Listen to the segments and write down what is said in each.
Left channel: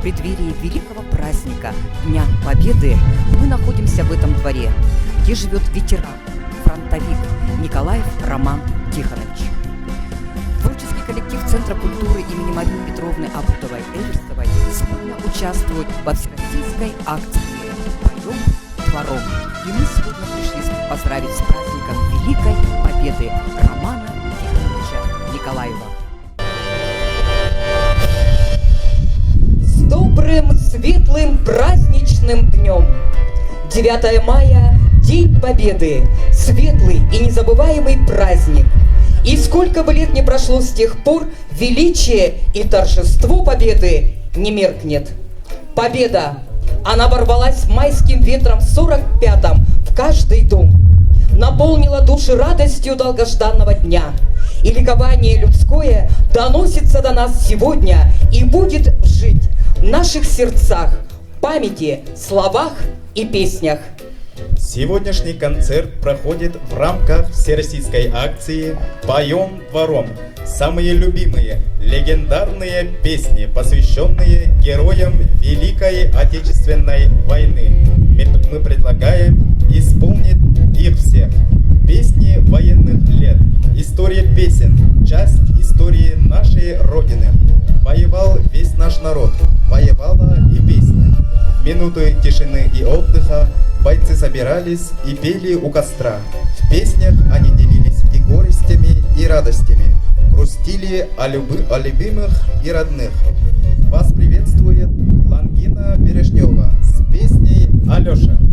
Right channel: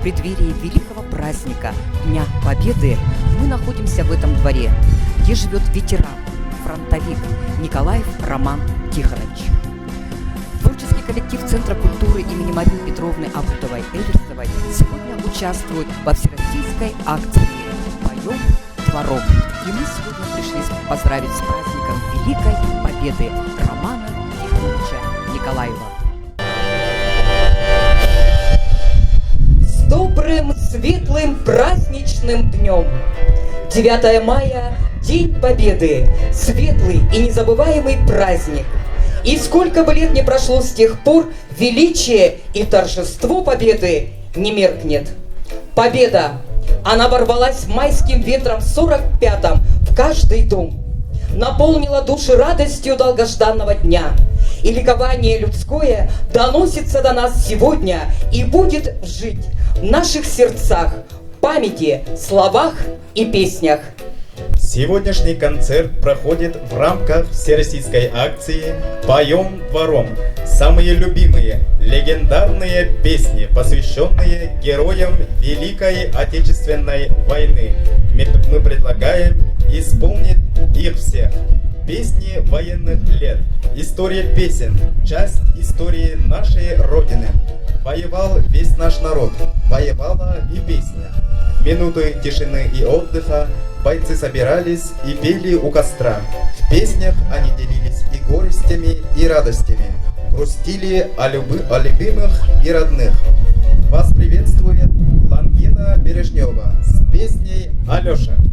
В преддверии великого праздника Дня Победы мы находимся в этом дворе, где живет ветеран, фронтовик Николаев Роман Тихонович. Творческий коллектив Центра культуры имени Марии Петровны Абутовой-Эверстовой сегодня участвует во всероссийской акции «Поем двором». И мы сегодня пришли поздравить с праздником Великой Победы Романа Тихоновича Николаева. С добрым, светлым, праздничным днем! 9 мая – День Победы, светлый и незабываемый праздник. И сколько бы лет ни прошло с тех пор, величие и торжество победы не меркнет. Победа, она ворвалась майским ветром в 45-м в каждый дом, наполнила души радостью долгожданного дня. И ликование людское доносится до нас сегодня и будет жить в наших сердцах, памяти, словах и песнях. Сегодняшний концерт проходит в рамках всероссийской акции «Поем двором». Самые любимые, легендарные песни, посвященные героям Великой Отечественной войны. Мы предлагаем исполнить их всех. Песни военных лет, история песен, часть истории нашей Родины. Воевал весь наш народ, воевала и песня. В минуты тишины и отдыха бойцы собирались и пели у костра. В песнях они делились и горестями, и радостями, грустили о любимых и родных. Вас приветствует Лангина Бережнева с песней «Алёша». Алёша,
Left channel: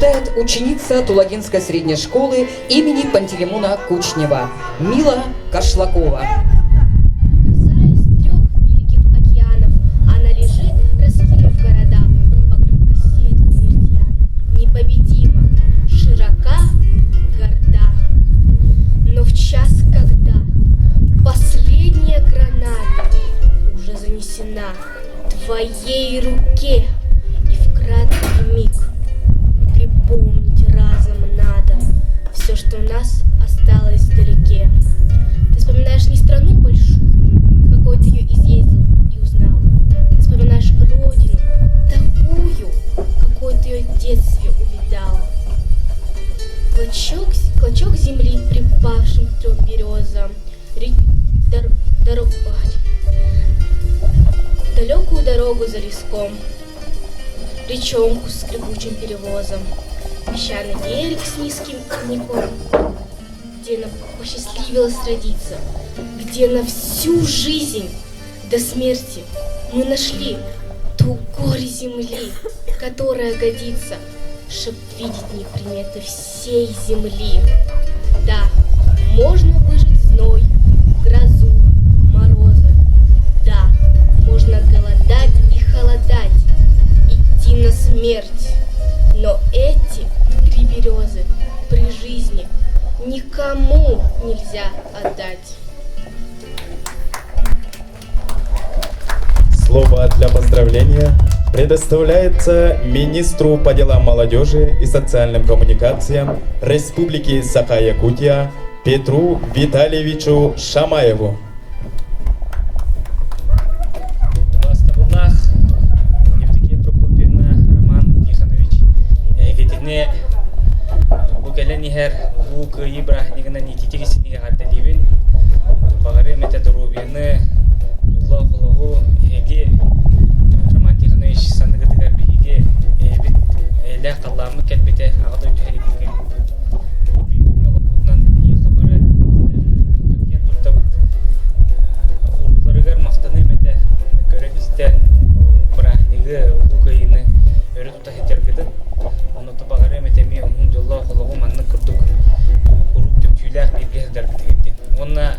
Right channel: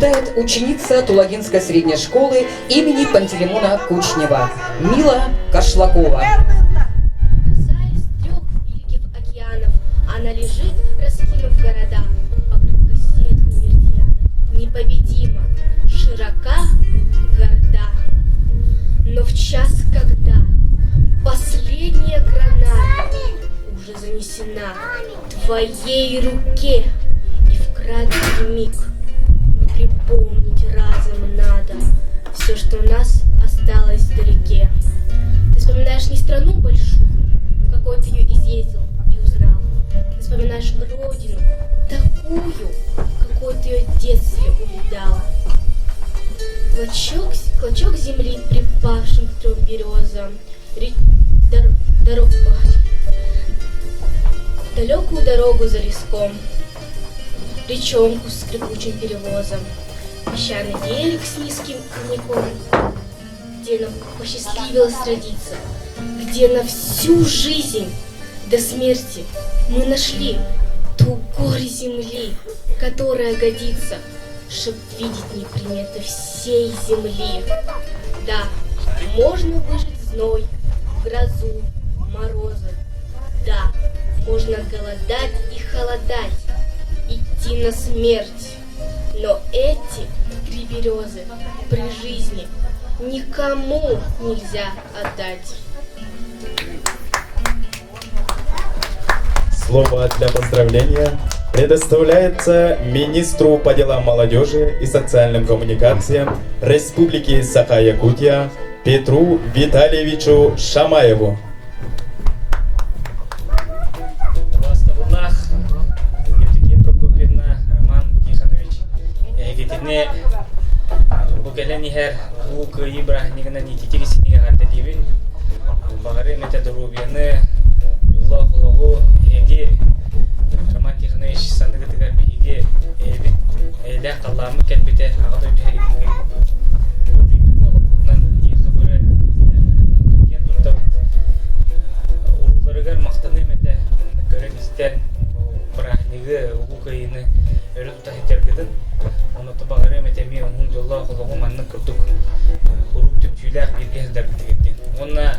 читает ученица Тулагинской средней школы имени Пантелеймона Кучнева Мила Кашлакова. Касаясь 3 великих океанов, она лежит, раскинув города, покрытка сетку меридианов, непобедима, широка, горда. Но в час, когда последняя граната уже занесена твоей руке, и в краткий миг припомнить разом надо все, что у нас осталось вдалеке. Ты вспоминаешь не страну большую, какой ты ее изъездил и узнал. Ты вспоминаешь родину, такую, какой ты ее в детстве увидала. Клочок земли, припавшим к 3 березам, далекую дорогу за леском, речонку с скрипучим перевозом, песчаный берег с низким родником, где нам посчастливилось родиться, где на всю жизнь до смерти мы нашли ту горь земли, которая годится, чтоб видеть неприметы всей земли. Да, можно выжить зной, грозу, морозы. Да, можно голодать и холодать, идти на смерть. Но эти 3 березы при жизни никому нельзя отдать. Слово для поздравления предоставляется министру по делам молодежи и социальным коммуникациям Республики Саха-Якутия Петру Витальевичу Шамаеву. Здравствуйте, Евдокия Прокопьевна, Роман Тихонович. Егетине букеленихер лук ибра нигана нититигисинига гаддадибин багаре методорубияны жолло хологу эге Роман Тихонович сандыгытыгар биге бит эле калламы келбете агадой дегеридинге бу бигүнгө лопутнан ехабары туркия туртабыт уруларыгар мактаны мете көрөнистен брахниги лукайыны өрү тута хетергедин оны табагаре метеми он жолло хологу манны курдук хурук түпчүләк биргездер битегеттен онна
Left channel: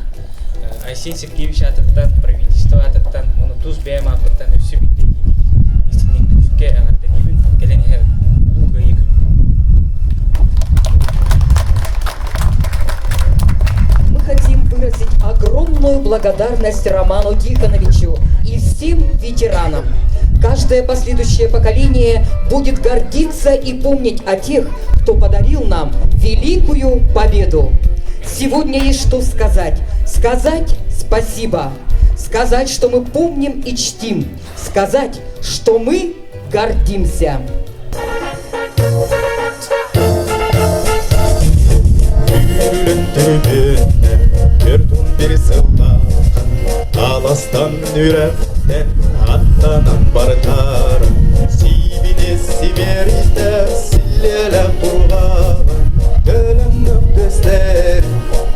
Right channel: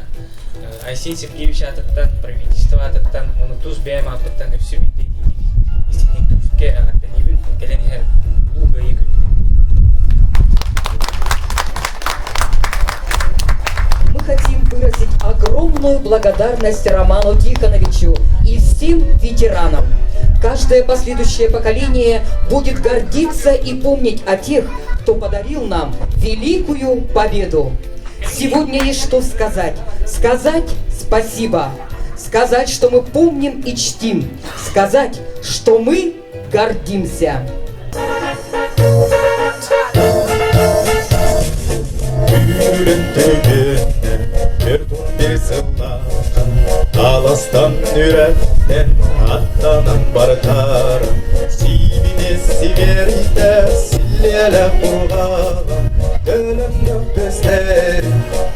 Айсин Сергеевич атыттан правительство атыттан оны туз бәйм апыттан өсү битти истинник күскө агартанибин келенихер лукайы күндө. Мы хотим выразить огромную благодарность Роману Тихоновичу и всем ветеранам. Каждое последующее поколение будет гордиться и помнить о тех, кто подарил нам великую победу. Сегодня есть что сказать. Сказать спасибо. Сказать, что мы помним и чтим. Сказать, что мы гордимся. Аластан үрәптен аттанан бартар Сибине сиберите силлеле кургала Көлөмнөк көздер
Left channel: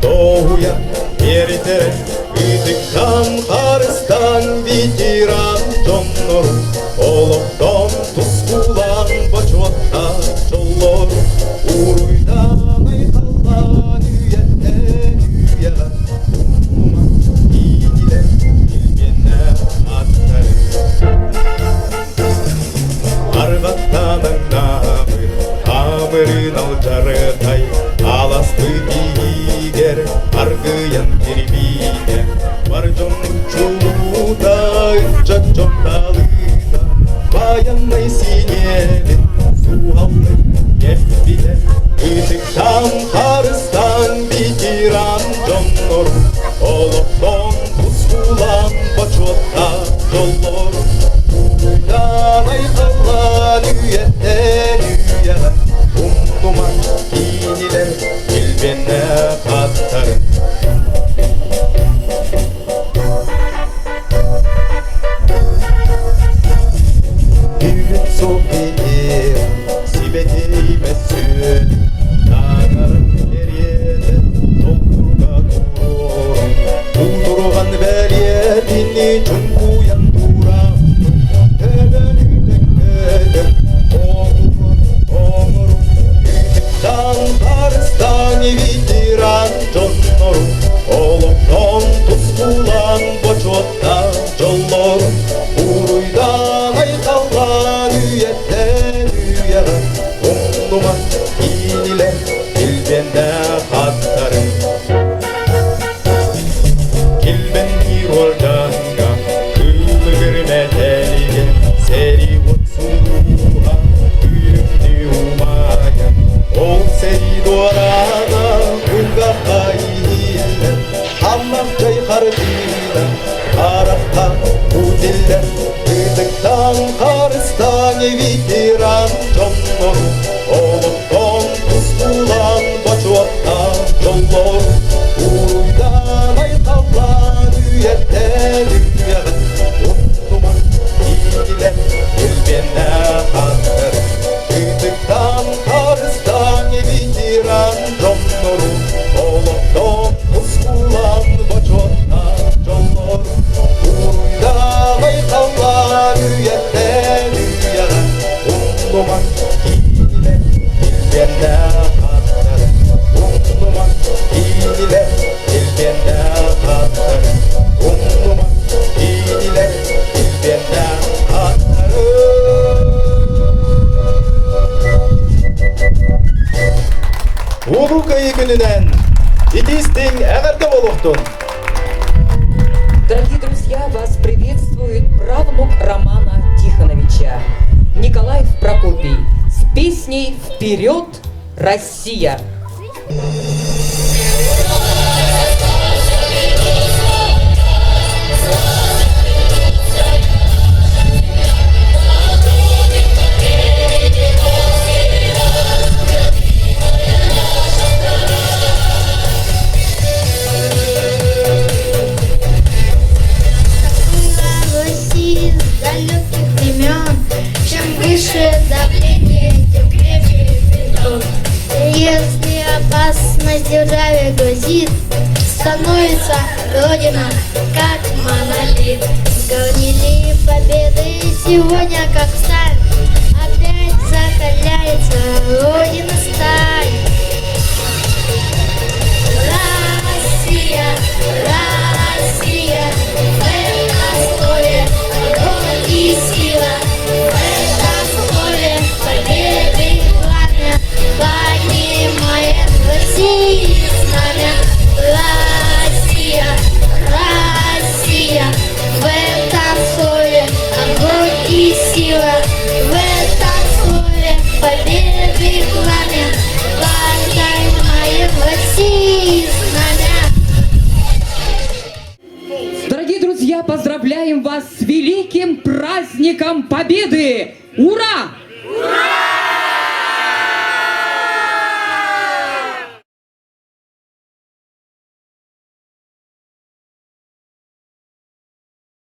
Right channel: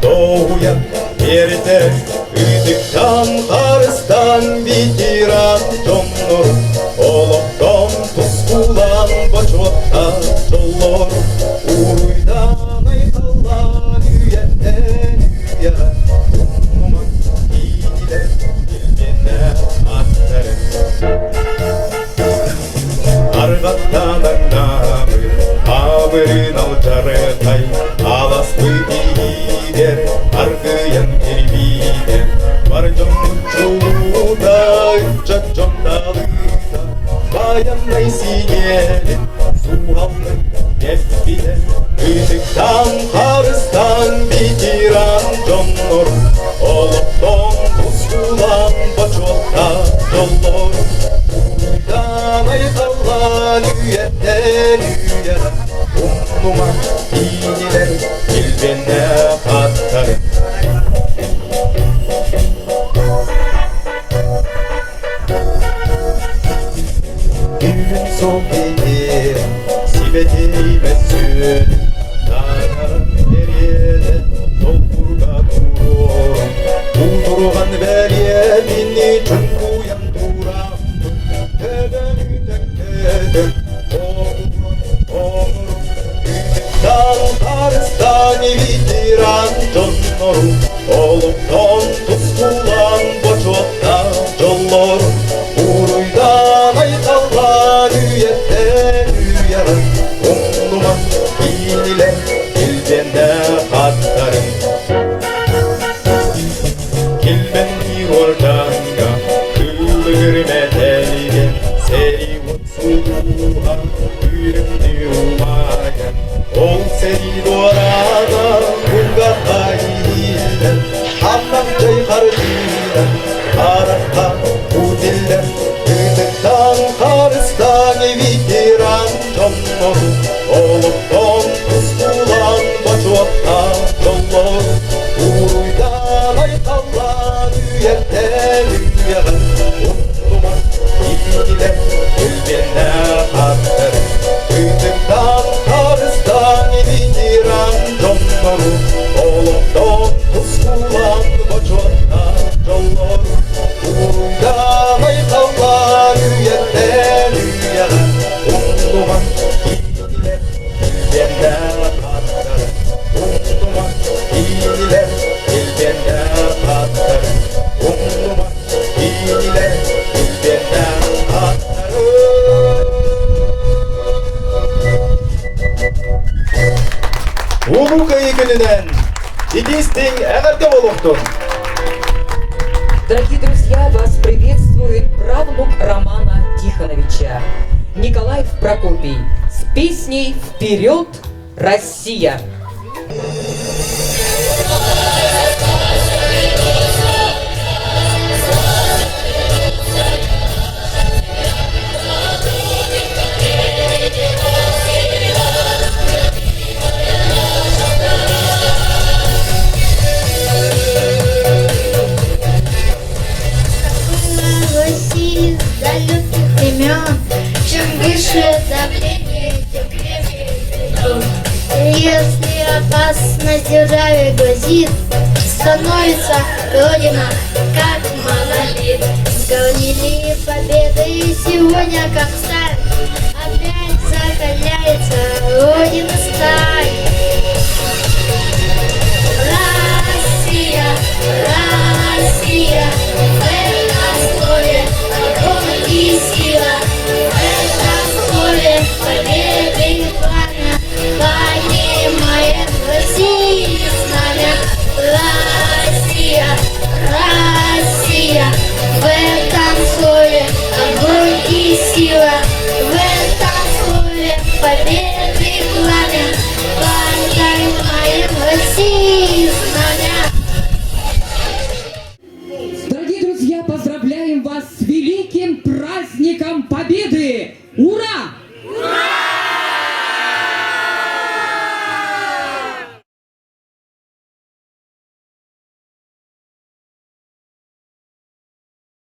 тоуян ерите Үтүктан карыстан ветеран жоннор Олоктон тускулан бачуатта жоллор Уруйдан айкалган үйеттен үйя Умуман ийдилер билбене аттары Аргаттанан амырын алжарытай Аласты бигер аргыян кербиде Бар жон чулудай жонталыда Баяндай синелин суалны кеппиде Үтүктан карыстан ветеран жоннор Олоктон тускулан бачуатта жоллор Уруйдан айкалган үйеттен үйя Умнуман кийнилер билбене каттары Бүгүн софине сибетей бесүн Таңарын береді толқурға турор Утурған бәлиетіне чүнкуян турам Төбән үтеккеді оңыр жолда Удиллер үтіктан қарыстан ветеран жоннору Олықтон құскулан бачуатта жоллору Уруйдан айталан үйеттен үйеғін Ұндуман игілер елбені аттыр Үтіктан қарыстан ветеран жоннору Олықтон құскулан бачуатта жоллору Уруйдан айталан үйеттен үйеғін Ұндуман игілер елбені аттыр Ұндуман игілер елбені аттыр Ұндуман игілер елбені аттыр Улукай күнінен итистің әғірді болуқтың. Дорогие друзья, вас приветствует правнук Романа Тихоновича, Николаев Прокопий, с песней «Вперед, Россия!». России с далеких времен. Чем выше давление, тем крепче бетон. Если опасность державе грозит, становится Родина как монолит. Сгорнили победы сегодня как сталь. Опять закаляется Родина сталь. Россия, Россия, в этом слове огонь и сила, в этом слове победы и пламя, поднимает Россия знамя. Россия, Россия, в этом слове огонь и сила, в этом слове победы и пламя, поднимает Россия знамя. Дорогие друзья, поздравляем вас с великим праздником Победы! Ура!